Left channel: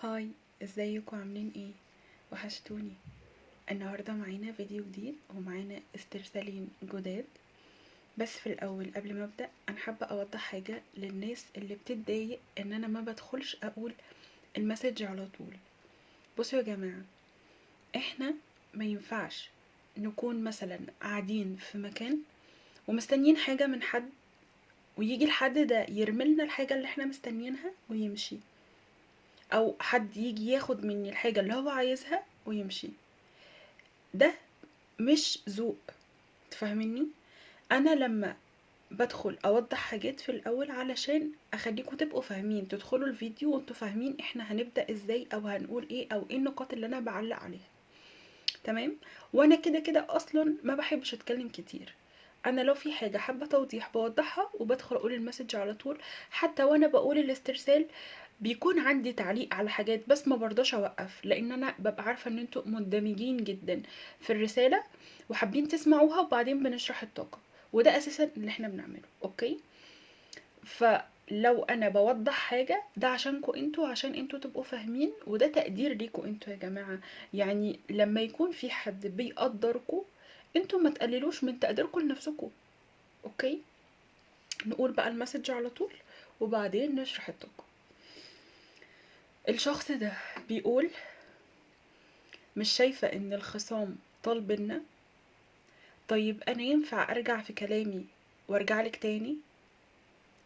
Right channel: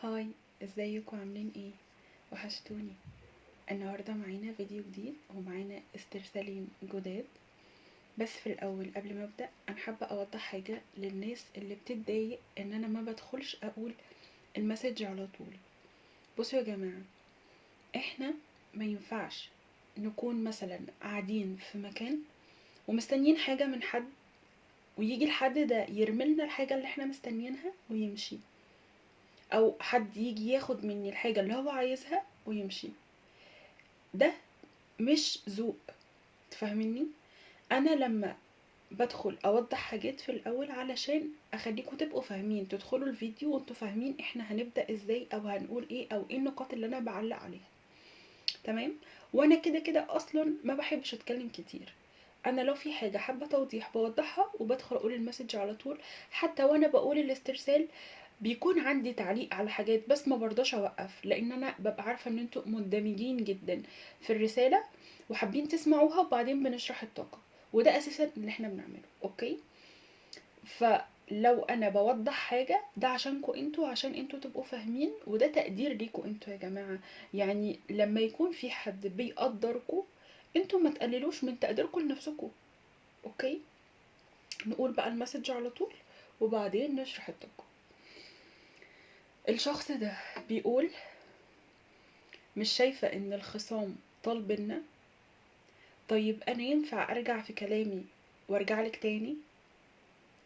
هاي، ازيكم عاملين ايه؟ وحشتوني. النهارده معانا فيديو جديد ومعانا استرسالين جداد. بس في الاول قبل ما ابدا انا حابه اوضح حاجه للناس اللي بتتضايق ان انا ما بدخلش اقول المسج على طول. بصوا يا جماعه، احنا ما ينفعش نكون مثلا قاعدين في مكان ومستنيين حاجه من حد، ويجي الحد ده يرملنا الحاجه اللي احنا مستنيينها ويمشي، او حد يجي ياخد مني الحاجه اللي هو عايزها ويمشي. ده مش ذوق، تفهمني؟ انا لما بدخل اوضح حاجات في الاول علشان اخليكم تبقوا فاهمين، تدخلوا الفيديو وانتوا فاهمين احنا هنبدأ ازاي او هنقول ايه او ايه النقاط اللي انا بعلق عليها. تمام. وانا كده كده اصلا ما بحبش اتكلم كتير. انا لو في حاجة حابة توضيح بوضحها وبدخل اقول المسج على طول. حتى وانا بقول الاسترسال بيكون عندي تعليق على حاجات، بس ما برضاش اوقف لان انا ببقى عارفة ان انتوا مندمجين جدا في الرسالة وحابين تسمعوها، وبعدين بنشرح الطاقة. وده اساسا اللي احنا بنعمله. اوكي، فلو انا بوضح حاجة ده عشانكوا انتوا، عشان انتوا تبقوا فاهمين، وده تقدير ليكوا انتوا يا جماعة. يعني لما يكون في حد بيقدركوا انتوا ما تقللوش من تقديركوا لنفسكوا. اوكي، نقول بقى المسج على طول وبعدين نشرح الطاقة. الشخص ده بيقول: مش شايفة ان الخصام طال بينا. طيب انا ينفع ارجع في كلامي وارجعلك تاني؟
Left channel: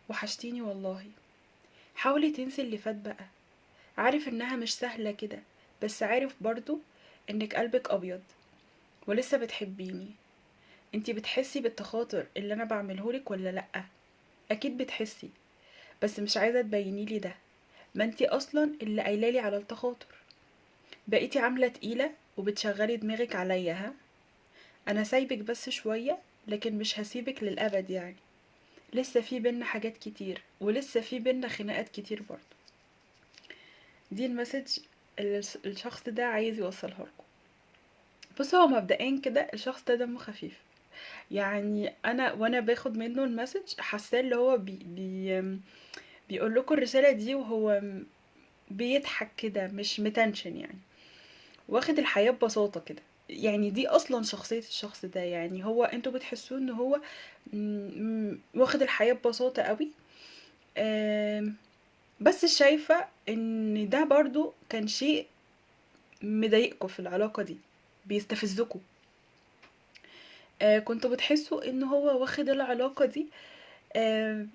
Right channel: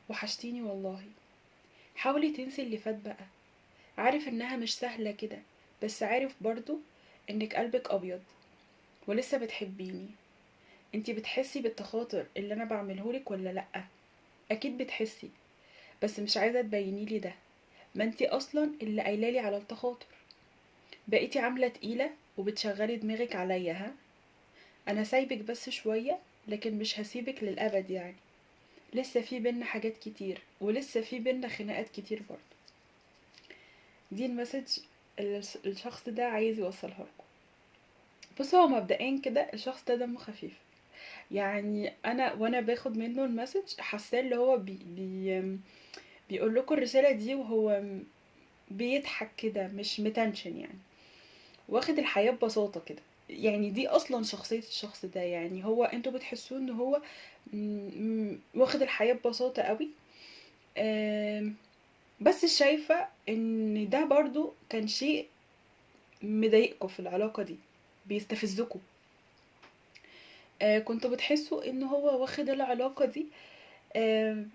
وحشتيني والله. حاولي تنسي اللي فات بقى. عارف انها مش سهلة كده، بس عارف برضو انك قلبك ابيض ولسه بتحبيني. انتي بتحسي بالتخاطر اللي انا بعملهولك ولا لأ؟ اكيد بتحسي، بس مش عايزة تبينيلي ده. ما انتي اصلا اللي قايلالي على التخاطر. بقيتي عاملة تقيلة وبتشغلي دماغك عليا، ها؟ انا سايبك بس شوية، لكن مش هسيبك للأبد يعني. لسه في بينا حاجات كتير، ولسه في بينا خناقات كتير برضو. دي المسج اللي الشخص ده عايز يوصلها لكم. بصوا، هو مبدئيا كده الشخص ده دمه خفيف. يعني انا وانا باخد منه المسج حاساه اللي هو بيقول لكم الرسالة دي وهو بيضحك كده، مش متنشن يعني. واخد الحياة ببساطة كده. يعني دي اصلا شخصية الشخص ده، يعني هو انتوا بتحسوه ان هو واخد الحياة ببساطة قوي. بس شايفة ان ده برضو كان شيء مضايقكوا في العلاقة دي، بيستفزكوا. كنتوا بتحسوا ان هو واخد العلاقة دي آه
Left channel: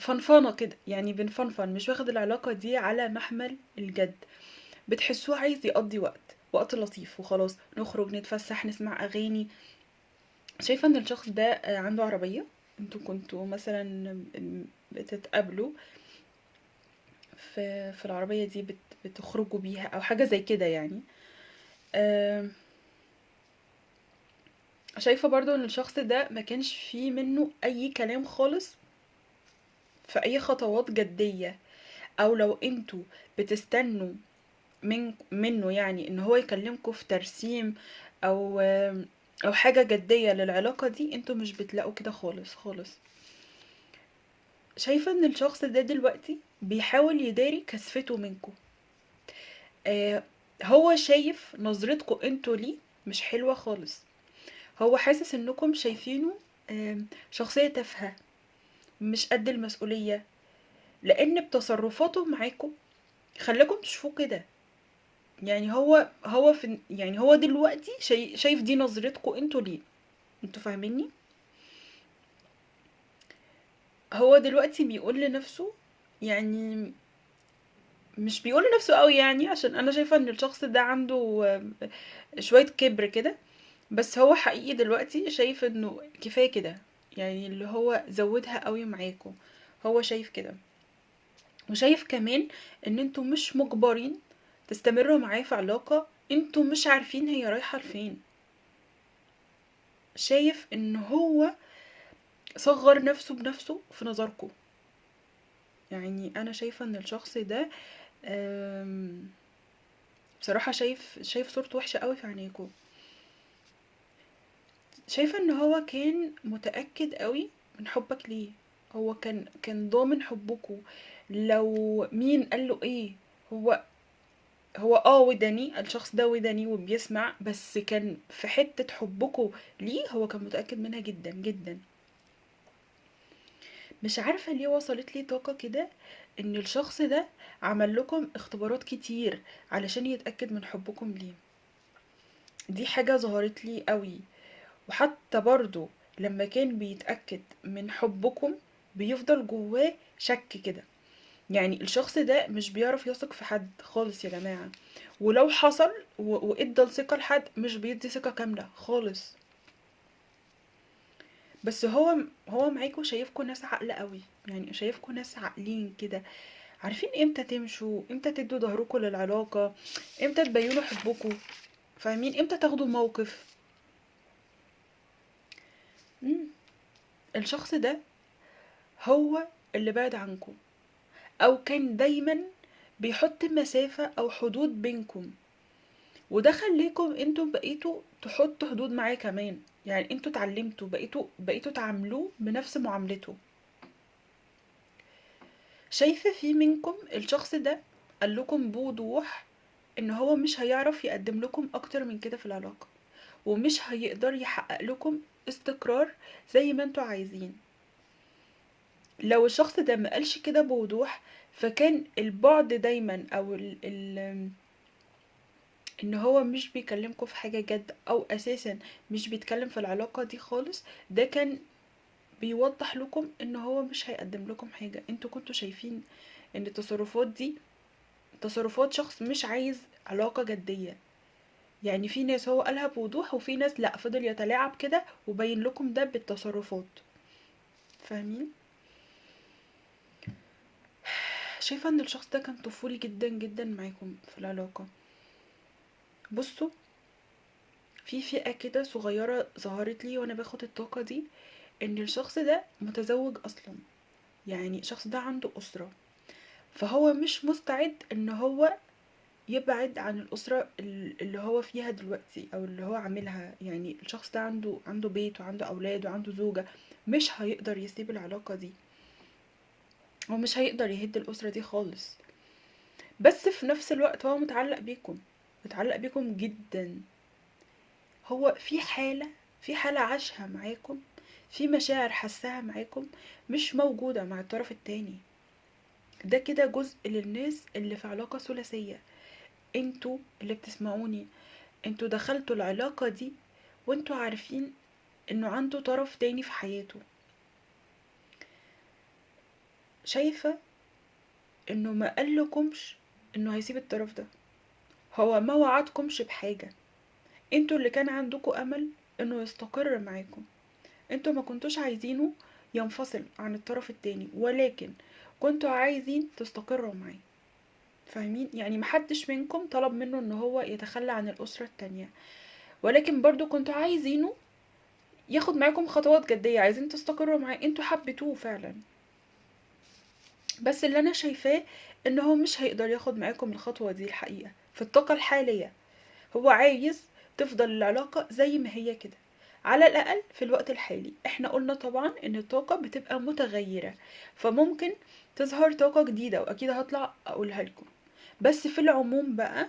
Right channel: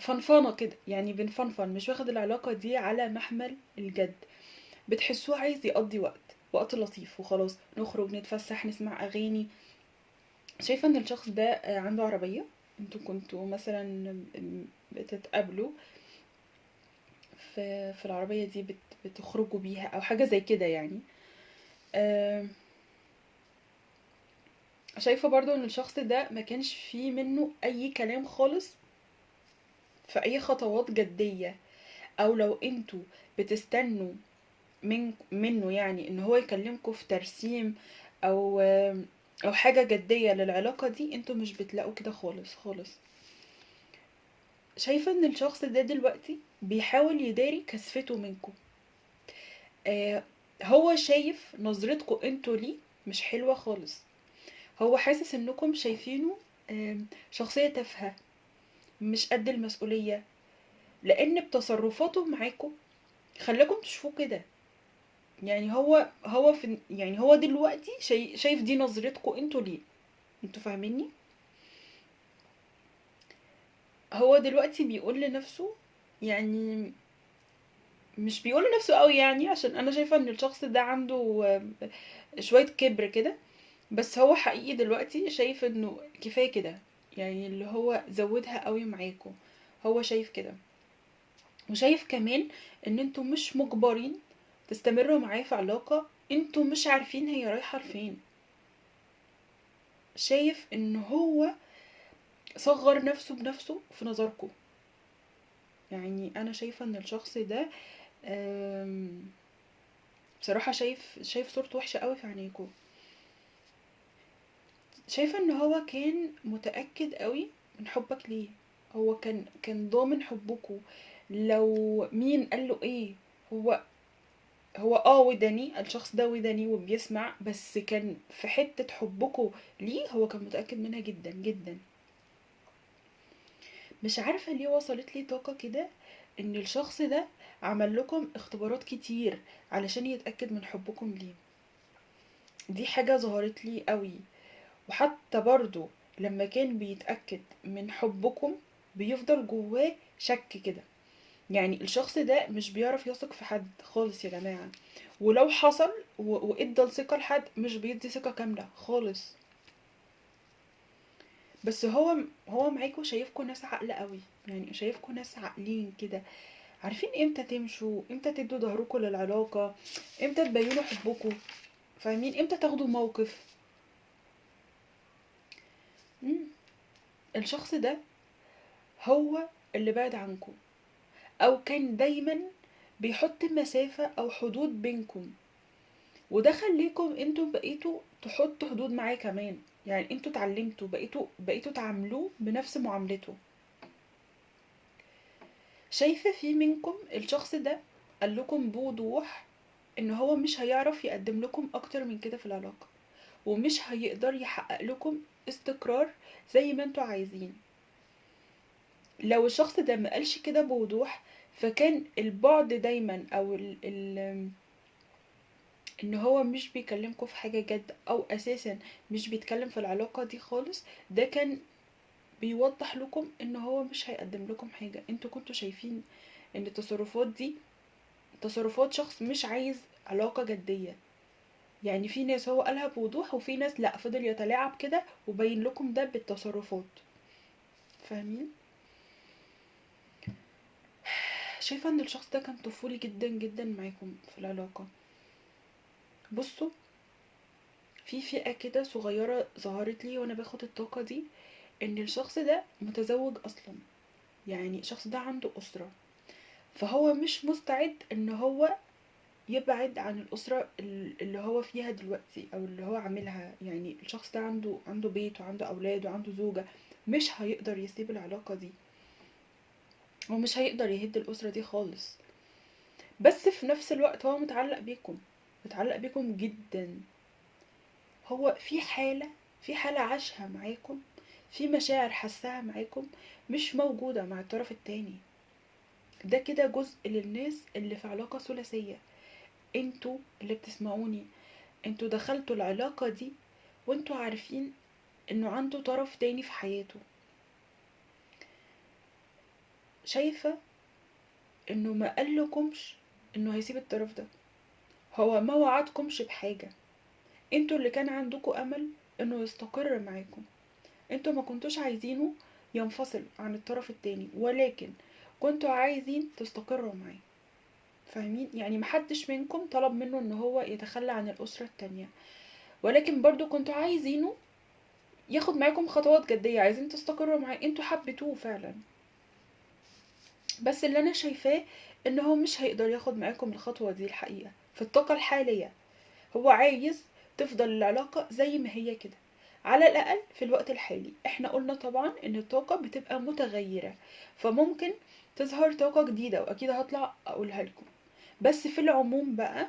فنفانة كده، يعني بنفنفن، مش واخد العلاقة دي على محمل الجد. بتحسوه عايز يقضي وقت لطيف وخلاص، نخرج نتفسح نسمع اغاني. شايفة ان الشخص ده عنده عربية. انتوا كنتوا مثلا بتتقابلوا في العربية دي، بتخرجوا بيها او حاجة زي كده يعني. آه، شايفة برضو ان الشخص ده ما كانش فيه منه اي كلام خالص في اي خطوات جدية. او لو انتوا بتستنوا منه يعني ان هو يكلمكوا في ترسيم او او حاجة جدية للعلاقة دي، انتوا مش بتلاقوا كده خالص خالص. شايفة ان الشخص ده دلوقتي بيحاول يداري كسفته منكم. آه، هو شايف نظرتكم انتوا ليه مش حلوة خالص. هو حاسس انكم شايفينه شخصية تافهة، مش قد المسؤولية، لان بتصرفاته معاكم خلاكم تشوفوه كده. يعني هو في، يعني هو دلوقتي شايف دي نظرتكم انتوا ليه. انتوا فاهميني؟ هو دلوقتي بيقول لنفسه، يعني مش بيقول لنفسه قوي، يعني عشان انا شايفة ان الشخص ده عنده شوية كبر كده. بس هو حقيقي دلوقتي شايف انه كفاية كده، يعني اللي هو زودها قوي معاكم. هو شايف كده، وشايف كمان ان انتوا مش مجبرين تستمروا معاه في علاقة انتوا مش عارفين هي رايحة لفين. شايف ان هو صغر نفسه بنفسه في نظركم. يعني انا شايفة ان الشخص ده بصراحة شايف صورته وحشة قوي في عينيكوا. شايفة ان هو كان متأكد قوي من حبك ليه. هو كان ضامن حبكوا. لو مين قال له ايه، هو هو وداني، الشخص ده وداني وبيسمع، بس كان في حتة حبكم ليه هو كان متأكد منها جدا جدا. مش عارفة ليه وصلت لي طاقة كده ان الشخص ده عمل لكم اختبارات كتير علشان يتأكد من حبكم ليه. دي حاجة ظهرت لي قوي. وحتى برضو لما كان بيتأكد من حبكم بيفضل جواه شك كده. يعني الشخص ده مش بيعرف يثق في حد خالص يا جماعة، ولو حصل وادى الثقة لحد مش بيدي ثقة كاملة خالص. بس هو معاكوا شايفكوا ناس عاقلة قوي، يعني شايفكوا ناس عاقلين كده، عارفين امتى تمشوا، امتى تدوا ظهركوا للعلاقة، امتى تبينوا حبكوا، فاهمين امتى تاخدوا موقف. مم. الشخص ده هو اللي بعد عنكم، او كان دايما بيحط مسافة او حدود بينكم، وده خليكم انتوا بقيتوا تحطوا حدود معاه كمان. يعني انتوا اتعلمتوا بقيتوا تعاملوه بنفس معاملته. شايفة في منكم الشخص ده قال لكم بوضوح ان هو مش هيعرف يقدم لكم اكتر من كده في العلاقة، ومش هيقدر يحقق لكم استقرار زي ما انتوا عايزين. لو الشخص ده ما قالش كده بوضوح، فكان البعد دايما او ان هو مش بيكلمكم في حاجة جد، او اساسا مش بيتكلم في العلاقة دي خالص، ده كان بيوضح لكم ان هو مش هيقدم لكم حاجة. انتوا كنتوا شايفين ان التصرفات دي تصرفات شخص مش عايز علاقة جدية. يعني في ناس هو قالها بوضوح، وفي ناس لا، فضل يتلاعب كده وبين لكم ده بالتصرفات، فاهمين. شايفة ان الشخص ده كان طفولي جدا جدا معاكم في العلاقة. بصوا، في فئة كده صغيرة ظهرت لي وانا باخد الطاقة دي، ان الشخص ده متزوج اصلا، يعني الشخص ده عنده اسرة، فهو مش مستعد ان هو يبعد عن الاسرة اللي هو فيها دلوقتي او اللي هو عاملها. يعني الشخص ده عنده بيت وعنده اولاد وعنده زوجة، مش هيقدر يسيب العلاقة دي، ومش هيقدر يهد الاسرة دي خالص. بس في نفس الوقت هو متعلق بيكم جدا. هو في حالة عاشها معاكم، في مشاعر حسها معاكم مش موجودة مع الطرف التاني. ده كده جزء للناس اللي في علاقة ثلاثية. انتوا اللي بتسمعوني، انتوا دخلتوا العلاقة دي وانتوا عارفين انه عنده طرف تاني في حياته. شايفة انه ما قالكمش انه هيسيب الطرف ده، هو ما وعدكمش بحاجة. انتوا اللي كان عندكم امل انه يستقر معاكم، انتوا ما كنتوش عايزينه ينفصل عن الطرف التاني، ولكن كنتوا عايزين تستقروا معاه، فاهمين. يعني محدش منكم طلب منه ان هو يتخلى عن الاسرة التانية، ولكن برضو كنتوا عايزينه ياخد معاكم خطوات جدية، عايزين تستقروا معاه، انتوا حبيتوه فعلا. بس اللي انا شايفاه ان هو مش هيقدر ياخد معاكم الخطوة دي الحقيقة في الطاقة الحالية. هو عايز تفضل العلاقة زي ما هي كده، على الأقل في الوقت الحالي. احنا قلنا طبعا ان الطاقة بتبقى متغيرة، فممكن تظهر طاقة جديدة واكيد هطلع اقولها لكم. بس في العموم بقى،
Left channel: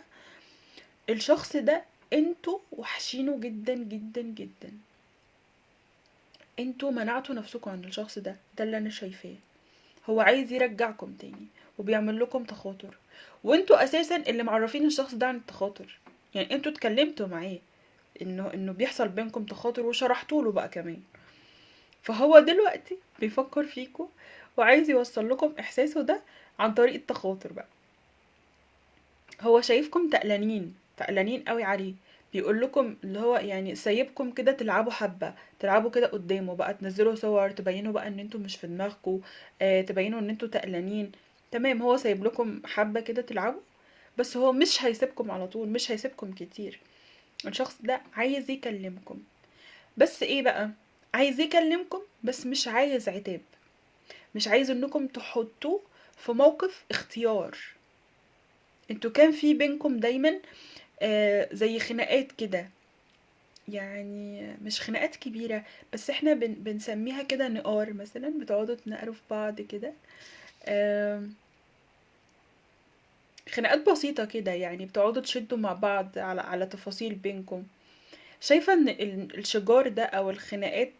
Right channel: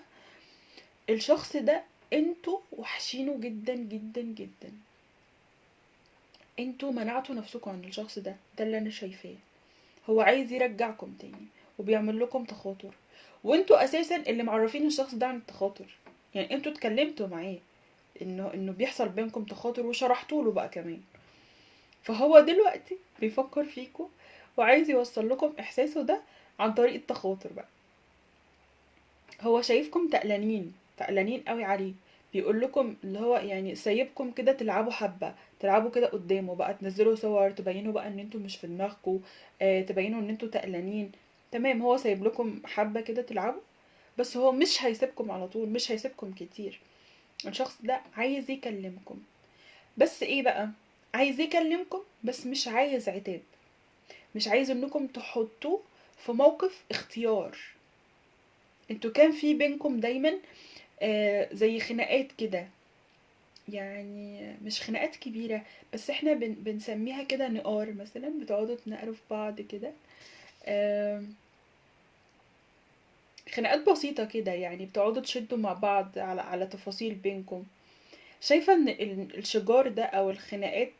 الشخص ده انتوا وحشينه جدا جدا جدا، انتوا منعتوا نفسكم عن الشخص ده اللي انا شايفاه. هو عايز يرجعكم تاني وبيعمل لكم تخاطر، وانتوا اساسا اللي معرفين الشخص ده عن التخاطر. يعني انتوا اتكلمتوا معاه انه بيحصل بينكم تخاطر وشرحتوا له بقى كمان. فهو دلوقتي بيفكر فيكم وعايز يوصل لكم احساسه ده عن طريق التخاطر بقى. هو شايفكم تقلانين قوي عليه، بيقول لكم اللي هو يعني سايبكم كده تلعبوا حبة، تلعبوا كده قدامه بقى، تنزلوا صور تبينوا بقى ان انتوا مش في دماغكم، تبينوا ان انتوا تقلانين. تمام، هو سايب لكم حبة كده تلعبوا، بس هو مش هيسيبكم على طول، مش هيسيبكم كتير. الشخص ده عايز يكلمكم، بس ايه بقى، عايز يكلمكم بس مش عايز عتاب، مش عايز انكم تحطوه في موقف اختيار. انتوا كان في بينكم دايما زي خناقات كده، يعني مش خناقات كبيرة، بس احنا بنسميها كده نقار مثلا، بتقعدوا تنقروا في بعض كده. آم، خناقات بسيطة كده، يعني بتقعدوا تشدوا مع بعض على تفاصيل بينكم. شايفة ان الشجار ده او الخناقات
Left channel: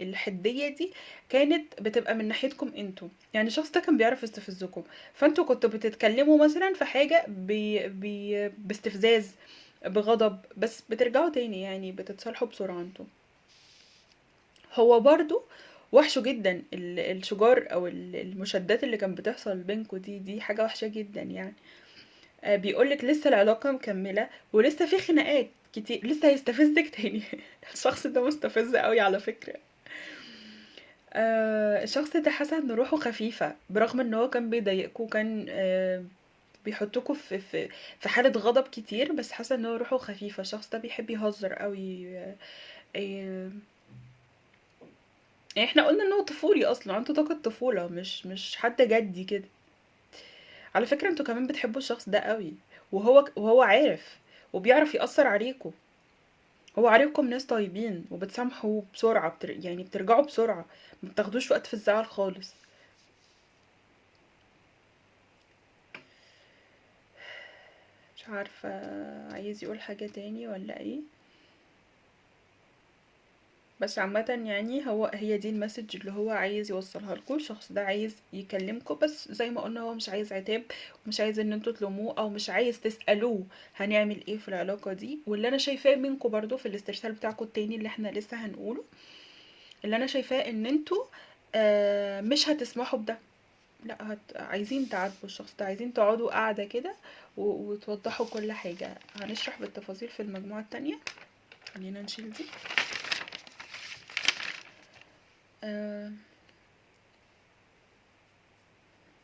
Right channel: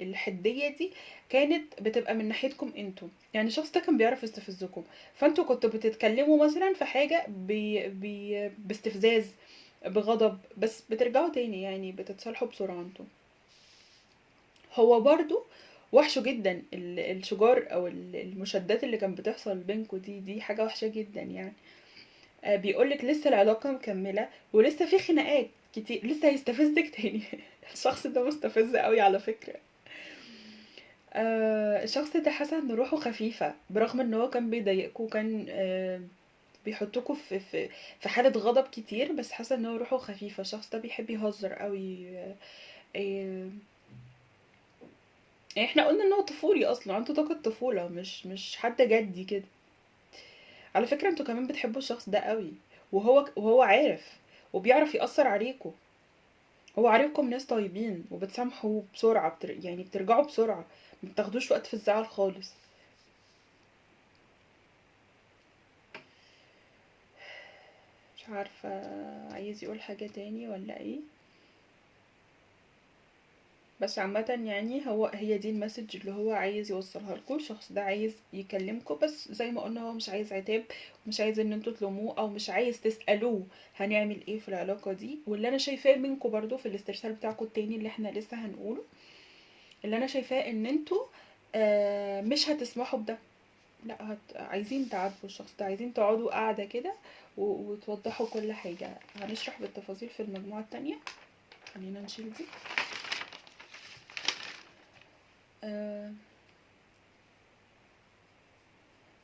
الحدية دي كانت بتبقى من ناحيتكم انتوا، يعني الشخص ده كان بيعرف يستفزكم، فانتوا كنتوا بتتكلموا مثلا في حاجة باستفزاز، بغضب، بس بترجعوا تاني، يعني بتتصالحوا بسرعة انتوا. هو برضو وحشه جدا الشجار او المشادات اللي كانت بتحصل بينكوا دي حاجة وحشة جدا يعني. بيقولك لسه العلاقة مكملة ولسه في خناقات كتير، لسه هيستفزك تاني. الشخص ده مستفز قوي على فكرة. الشخص ده حاسة ان روحه خفيفة، برغم ان هو كان بيضايقكوا، كان بيحطكوا في حالة غضب كتير، بس حاسة ان هو روحه خفيفة. الشخص ده بيحب يهزر قوي. آه، يعني احنا قلنا ان هو طفولي اصلا، عنده طاقة طفولة، مش حد جدي كده. على فكرة انتوا كمان بتحبوا الشخص ده قوي، وهو عارف، وبيعرف يأثر عليكوا. هو عارفكم ناس طيبين وبتسامحوا بسرعة، يعني بترجعوا بسرعة، ما بتاخدوش وقت في الزعل خالص. مش عارفة، عايز يقول حاجة تاني ولا ايه؟ بس عامة يعني هي دي المسج اللي هو عايز يوصلها لكم. الشخص ده عايز يكلمكم، بس زي ما قلنا هو مش عايز عتاب، ومش عايز ان انتوا تلوموه، او مش عايز تسألوه هنعمل ايه في العلاقة دي. واللي انا شايفاه منكم برضو في الاسترسال بتاعكم التاني اللي احنا لسه هنقوله، اللي انا شايفاه ان انتوا مش هتسمحوا بده. لا، عايزين تعاتبوا الشخص ده، عايزين تقعدوا قاعدة كده وتوضحوا كل حاجة. هنشرح بالتفاصيل في المجموعة التانية. خلينا نشيل دي. آه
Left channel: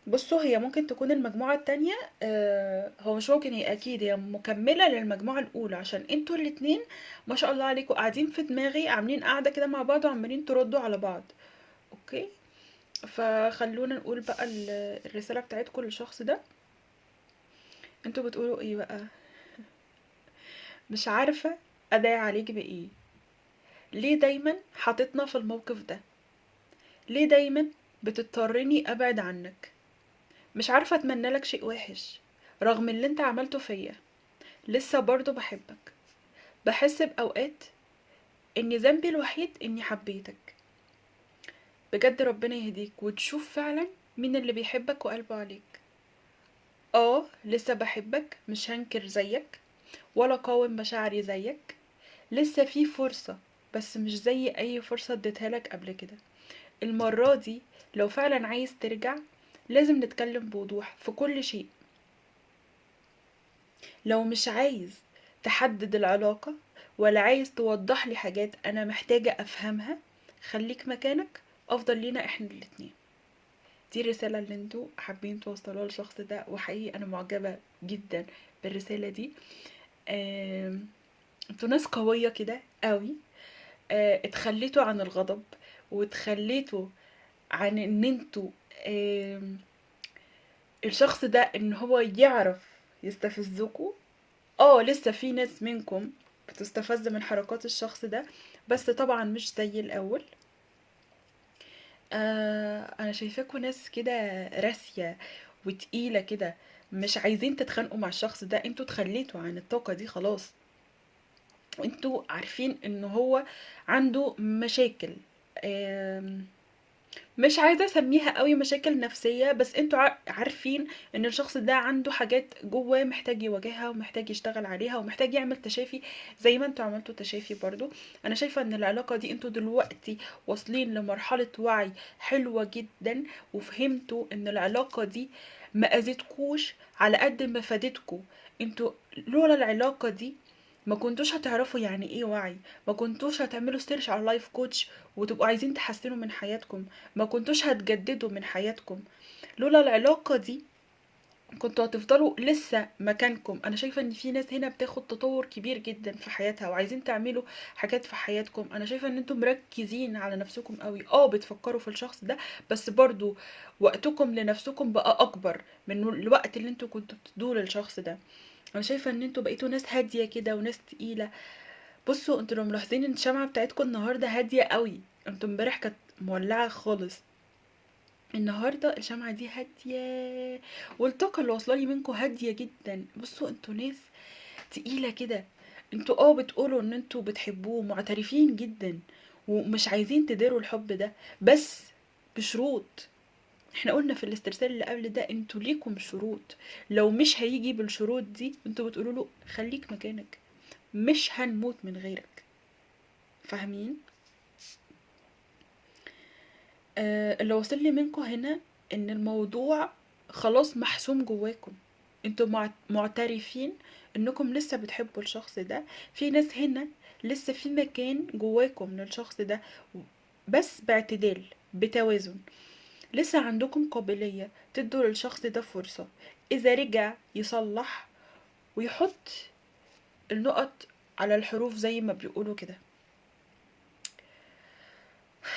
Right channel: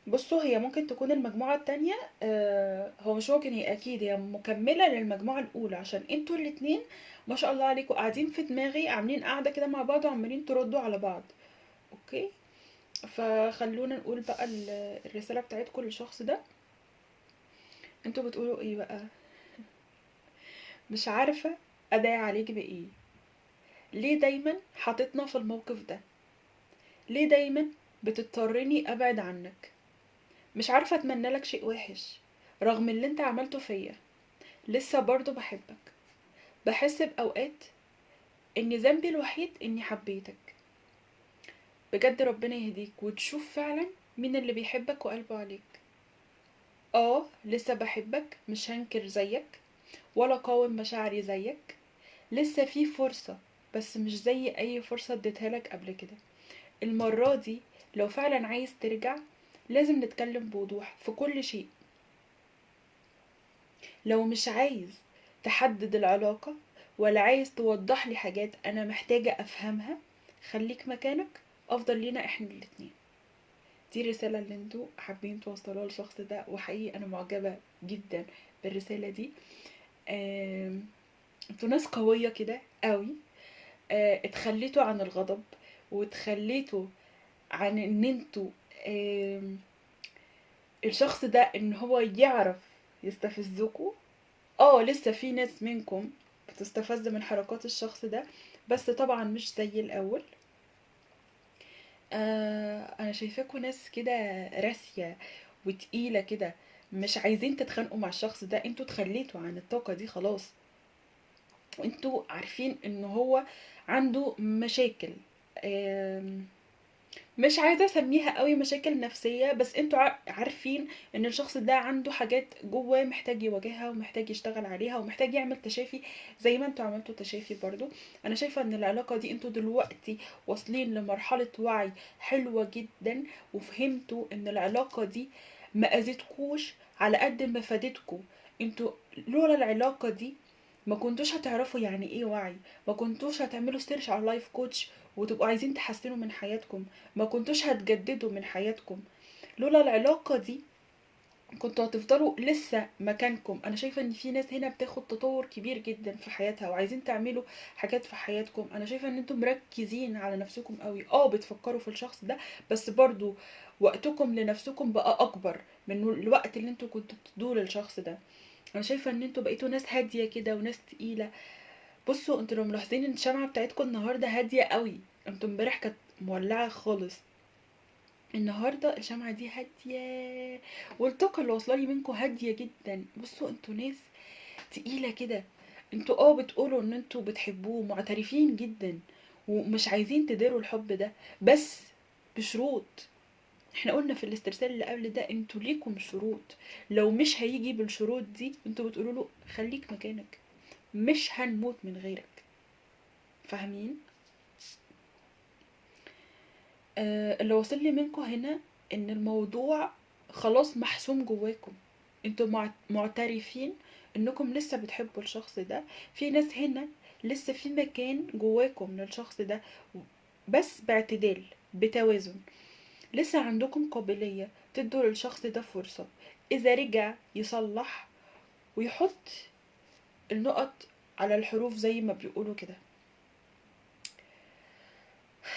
بصوا، هي ممكن تكون المجموعة التانية، هو مش ممكن، هي أكيد هي مكملة للمجموعة الأولى، عشان انتوا الاتنين ما شاء الله عليكم قاعدين في دماغي، عاملين قاعدة كده مع بعض وعمالين تردوا على بعض. اوكي، فخلونا نقول بقى الرسالة بتاعتكم للشخص ده. انتوا بتقولوا ايه بقى؟ مش عارفة أدعي عليك بإيه. ليه دايما حاططنا في الموقف ده؟ ليه دايما بتضطرني أبعد عنك؟ مش عارفة أتمنى لك شيء وحش رغم اللي انت عملته فيا. لسه برضو بحبك. بحس بأوقات إن ذنبي الوحيد إني حبيتك. بجد ربنا يهديك وتشوف فعلا مين اللي بيحبك وقلبه عليك. لسه بحبك، مش هنكر زيك، ولا قاوم مشاعري زيك. لسه في فرصة، بس مش زي أي فرصة اديتها لك قبل كده. المرة دي لو فعلا عايز ترجع، لازم نتكلم بوضوح في كل شيء. لو مش عايز تحدد العلاقة، ولا عايز توضح لي حاجات أنا محتاجة أفهمها، خليك مكانك، أفضل لينا إحنا الاتنين. دي الرسالة اللي انتوا حابين توصلوها للشخص ده، وحقيقي أنا معجبة جدا بالرسالة دي. انتوا ناس قوية كده قوي. اتخليتوا عن الغضب، واتخليتوا عن ان انتوا آم، الشخص ده ان هو يعرف يستفزكوا. لسه في ناس منكم بتستفز من حركات الشخص ده، بس طبعا مش زي الاول. انا شايفاكوا ناس كده راسية وتقيلة كده، مش عايزين تتخانقوا مع الشخص ده. انتوا اتخليتوا عن الطاقة دي خلاص، وانتوا عارفين ان هو عنده مشاكل. آم، مش عايزة اسميها قوي مشاكل نفسية، بس انتوا عارفين ان الشخص ده عنده حاجات جواه محتاج يواجهها، ومحتاج يشتغل عليها، ومحتاج يعمل تشافي زي ما انتوا عملتوا تشافي برضو. انا شايفة ان العلاقة دي انتوا دلوقتي واصلين لمرحلة وعي حلوة جدا، وفهمتوا ان العلاقة دي ما اذتكوش على قد ما فادتكوا. انتوا لولا العلاقة دي ما كنتوش هتعرفوا يعني ايه وعي، ما كنتوش هتعملوا سيرش على لايف كوتش وتبقوا عايزين تحسنوا من حياتكم، ما كنتوش هتجددوا من حياتكم. لولا العلاقة دي كنتوا هتفضلوا لسه مكانكم. انا شايفة ان في ناس هنا بتاخد تطور كبير جدا في حياتها، وعايزين تعملوا حاجات في حياتكم. انا شايفة ان انتم مركزين على نفسكم قوي، بتفكروا في الشخص ده، بس برضو وقتكم لنفسكم بقى اكبر من الوقت اللي انتوا كنتوا بتدوه للشخص ده. انا شايفة ان انتوا بقيتوا ناس هادية كده وناس تقيلة. بصوا، انتوا لو ملاحظين ان الشمعة بتاعتكم النهاردة هادية قوي، انتوا امبارح كانت مولعة خالص. النهارده الشمعة دي هادية، والطاقة اللي واصلة لي منكم هادية جدا. بصوا انتوا ناس تقيلة كده، انتوا بتقولوا ان انتوا بتحبوه، معترفين جدا ومش عايزين تديروا الحب ده، بس بشروط. احنا قلنا في الاسترسال اللي قبل ده انتوا ليكم شروط، لو مش هيجي بالشروط دي انتوا بتقولوا له خليك مكانك، مش هنموت من غيرك. فاهمين؟ اللي واصل لي منكم هنا ان الموضوع خلاص محسوم جواكم، انتوا معترفين انكم لسه بتحبوا الشخص ده. في ناس هنا لسه في مكان جواكم للشخص ده، بس باعتدال، بتوازن. لسه عندكم قابلية تدوا للشخص ده فرصة، اذا رجع يصلح ويحط النقط على الحروف زي ما بيقولوا كده.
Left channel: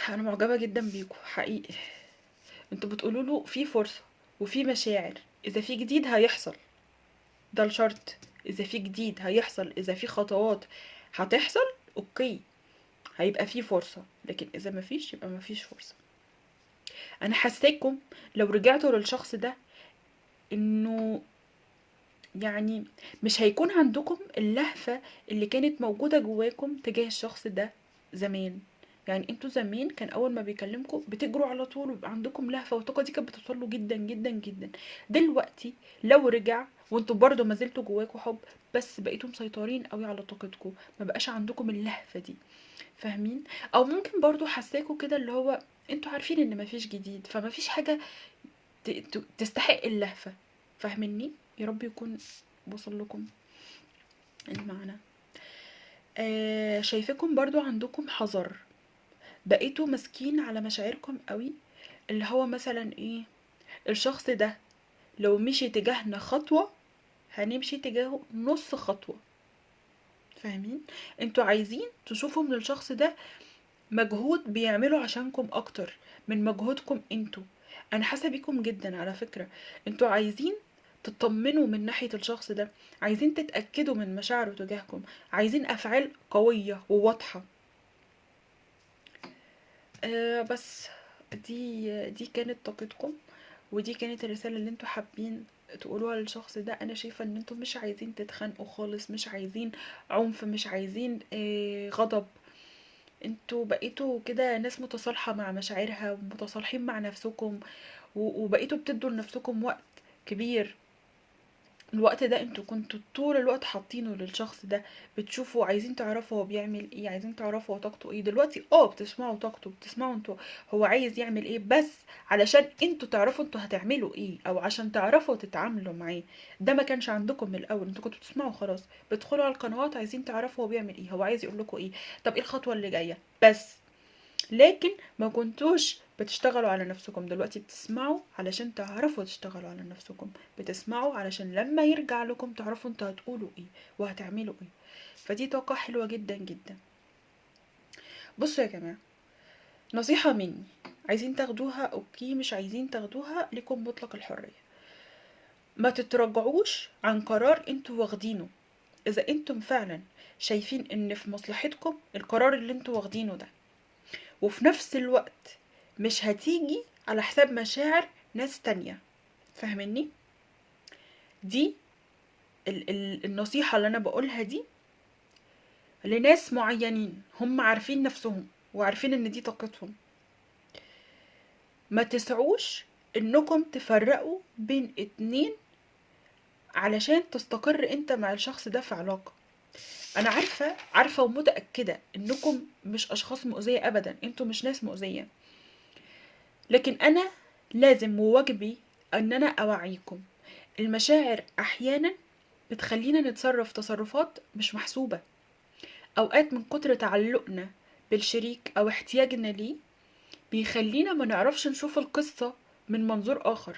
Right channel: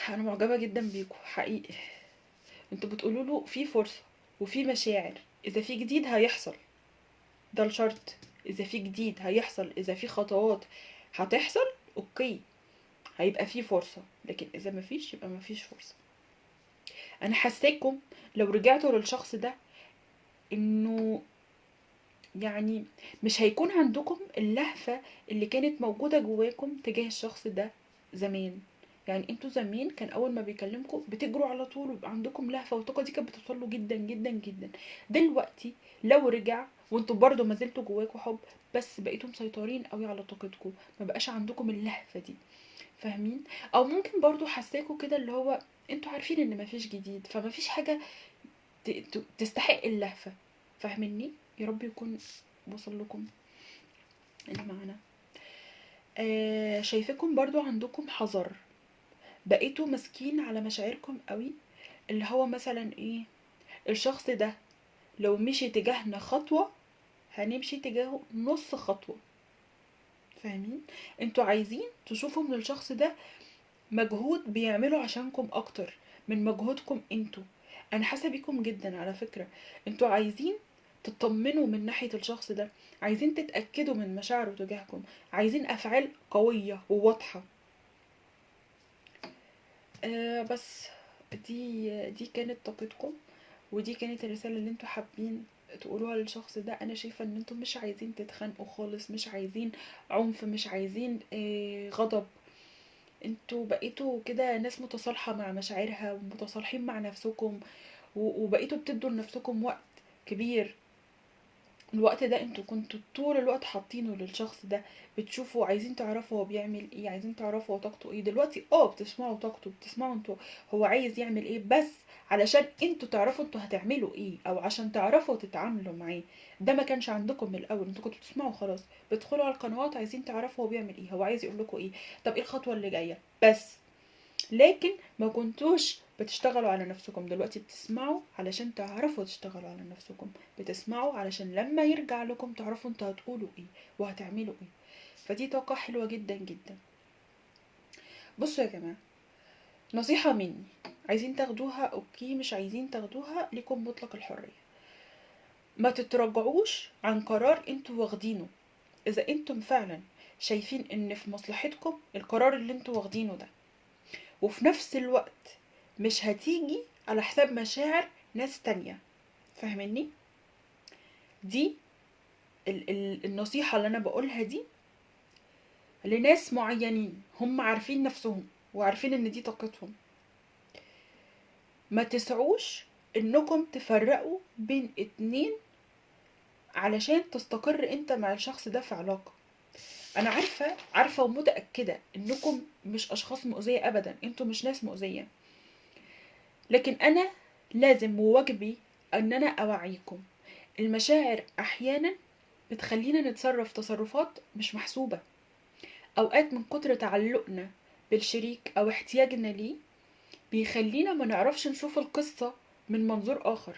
انا معجبة جدا بيكم حقيقي، انتوا بتقولوا له في فرصة وفي مشاعر، اذا في جديد هيحصل، ده الشرط. اذا في جديد هيحصل، اذا في خطوات هتحصل، اوكي، هيبقى في فرصة. لكن اذا مفيش يبقى مفيش فرصة. انا حاساكم لو رجعتوا للشخص ده انه يعني مش هيكون عندكم اللهفة اللي كانت موجودة جواكم تجاه الشخص ده زمان. يعني انتوا زمان كان اول ما بيكلمكم بتجروا على طول ويبقى عندكم لهفة، والطاقة دي كانت بتوصله جدا جدا جدا. دلوقتي لو رجع وانتوا برضو ما زلتوا جواكوا حب، بس بقيتوا مسيطرين قوي على طاقتكم، ما بقاش عندكم اللهفة دي. فاهمين؟ او ممكن برضو حساكوا كده اللي هو انتوا عارفين ان مفيش جديد، فمفيش حاجة تستحق اللهفة. فاهميني؟ يا رب يكون وصل لكم المعنى. شايفاكم برضو عندكم حذر، بقيتوا ماسكين على مشاعركم قوي، اللي هو مثلا ايه، الشخص ده لو مشي تجاهنا خطوة هنمشي تجاهه نص خطوة. فاهمين؟ انتوا عايزين تشوفوا من الشخص ده مجهود بيعمله عشانكم اكتر من مجهودكم انتوا. انا حاسه بيكم جدا على فكره، انتوا عايزين تطمنوا من ناحيه الشخص ده، عايزين تتاكدوا من مشاعره تجاهكم، عايزين افعال قويه وواضحه. بس دي كانت طاقتكم، ودي كانت الرساله اللي انتوا حابين تقولوها للشخص ده. انا شايفه ان انتوا مش عايزين تتخانقوا خالص، مش عايزين عنف، مش عايزين غضب. انتوا بقيتوا كده ناس متصالحة مع مشاعرها ومتصالحين مع نفسكم، وبقيتوا بتدوا لنفسكم وقت كبير. الوقت ده انتوا كنتوا طول الوقت حاطينه للشخص ده، بتشوفوا، عايزين تعرفوا هو بيعمل ايه، عايزين تعرفوا هو طاقته ايه. دلوقتي بتسمعوا طاقته، بتسمعوا انتوا هو عايز يعمل ايه، بس علشان انتوا تعرفوا انتوا هتعملوا ايه، او عشان تعرفوا تتعاملوا معاه. ده ما كانش عندكم من الاول، انتوا كنتوا بتسمعوا خلاص، بتدخلوا على القنوات عايزين تعرفوا هو بيعمل ايه، هو عايز يقول لكم ايه، طب ايه الخطوة اللي جاية بس. لكن ما كنتوش بتشتغلوا على نفسكم. دلوقتي بتسمعوا علشان تعرفوا تشتغلوا على نفسكم، بتسمعوا علشان لما يرجع لكم تعرفوا انتوا هتقولوا ايه وهتعملوا ايه. فدي طاقة حلوة جدا جدا. بصوا يا جماعة، نصيحة مني، عايزين تاخدوها اوكي، مش عايزين تاخدوها ليكم مطلق الحرية. ما تتراجعوش عن قرار انتوا واخدينه. اذا انتم فعلا شايفين ان في مصلحتكم القرار اللي انتوا واخدينه ده، وفي نفس الوقت مش هتيجي على حساب مشاعر ناس تانية. فاهمني؟ دي النصيحة اللي انا بقولها دي لناس معينين هم عارفين نفسهم وعارفين ان دي طاقتهم. ما تسعوش انكم تفرقوا بين اتنين علشان تستقر انت مع الشخص ده في علاقة. انا عارفة ومتأكدة انكم مش اشخاص مؤذية ابدا، انتوا مش ناس مؤذية، لكن انا لازم وواجبي ان انا اوعيكم. المشاعر احيانا بتخلينا نتصرف تصرفات مش محسوبة. اوقات من كتر تعلقنا بالشريك او احتياجنا ليه بيخلينا ما نعرفش نشوف القصة من منظور اخر.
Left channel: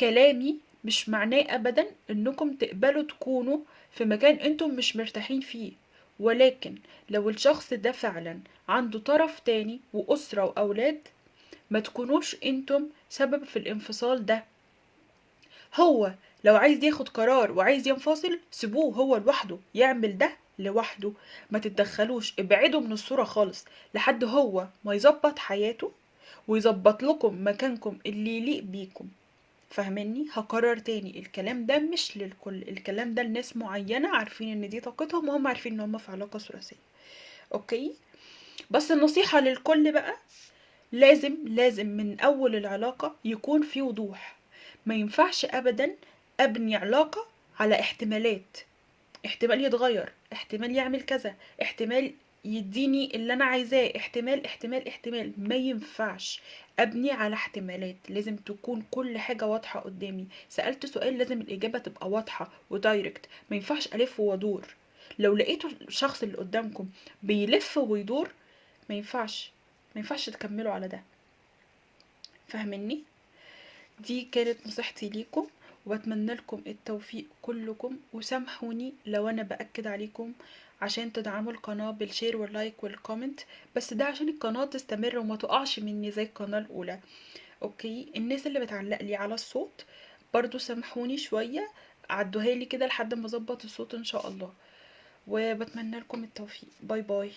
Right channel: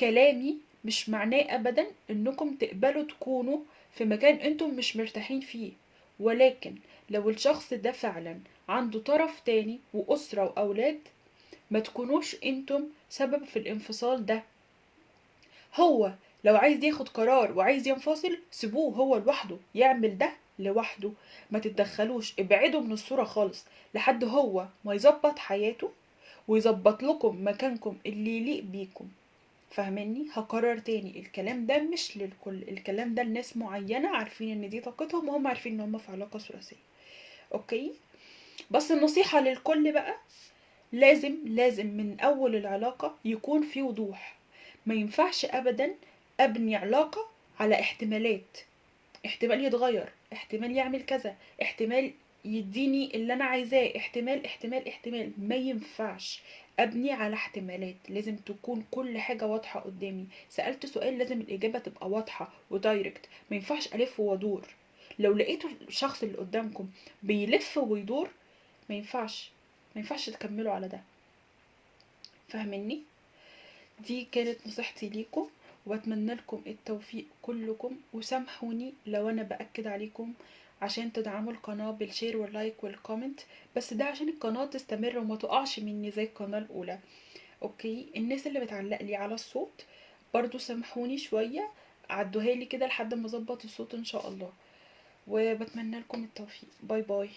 كلامي مش معناه ابدا انكم تقبلوا تكونوا في مكان انتم مش مرتاحين فيه، ولكن لو الشخص ده فعلا عنده طرف تاني واسرة واولاد، ما تكونوش انتم سبب في الانفصال ده. هو لو عايز ياخد قرار وعايز ينفصل، سيبوه هو لوحده يعمل ده لوحده، ما تتدخلوش، ابعدوا من الصورة خالص لحد هو ما يظبط حياته ويظبط لكم مكانكم اللي يليق بيكم. فاهماني؟ هكرر تاني، الكلام ده مش للكل، الكلام ده لناس معينة عارفين ان دي طاقتهم وهم عارفين ان هم في علاقة ثلاثية. اوكي؟ بس النصيحة للكل بقى، لازم من اول العلاقة يكون في وضوح. ما ينفعش ابدا ابني علاقة على احتمالات، احتمال يتغير، احتمال يعمل كذا، احتمال يديني اللي انا عايزاه، احتمال. ما ينفعش ابني على احتمالات، لازم تكون كل حاجة واضحة قدامي. سألت سؤال لازم الاجابة تبقى واضحة ودايركت، ما ينفعش الف وادور. لو لقيتوا الشخص اللي قدامكم بيلف ويدور، ما ينفعش تكملوا على ده. فاهمني؟ دي كانت نصيحتي ليكم، واتمنى لكم التوفيق كلكم، وسامحوني لو انا باكد عليكم عشان تدعموا القناة بالشير واللايك والكومنت، بس ده عشان القناة تستمر وما تقعش مني زي القناة الاولى. اوكي؟ الناس اللي بتعلق لي على الصوت برضو سامحوني شوية، عدوها لي كده لحد ما اظبط الصوت ان شاء الله، وبتمنى لكم التوفيق. باي باي.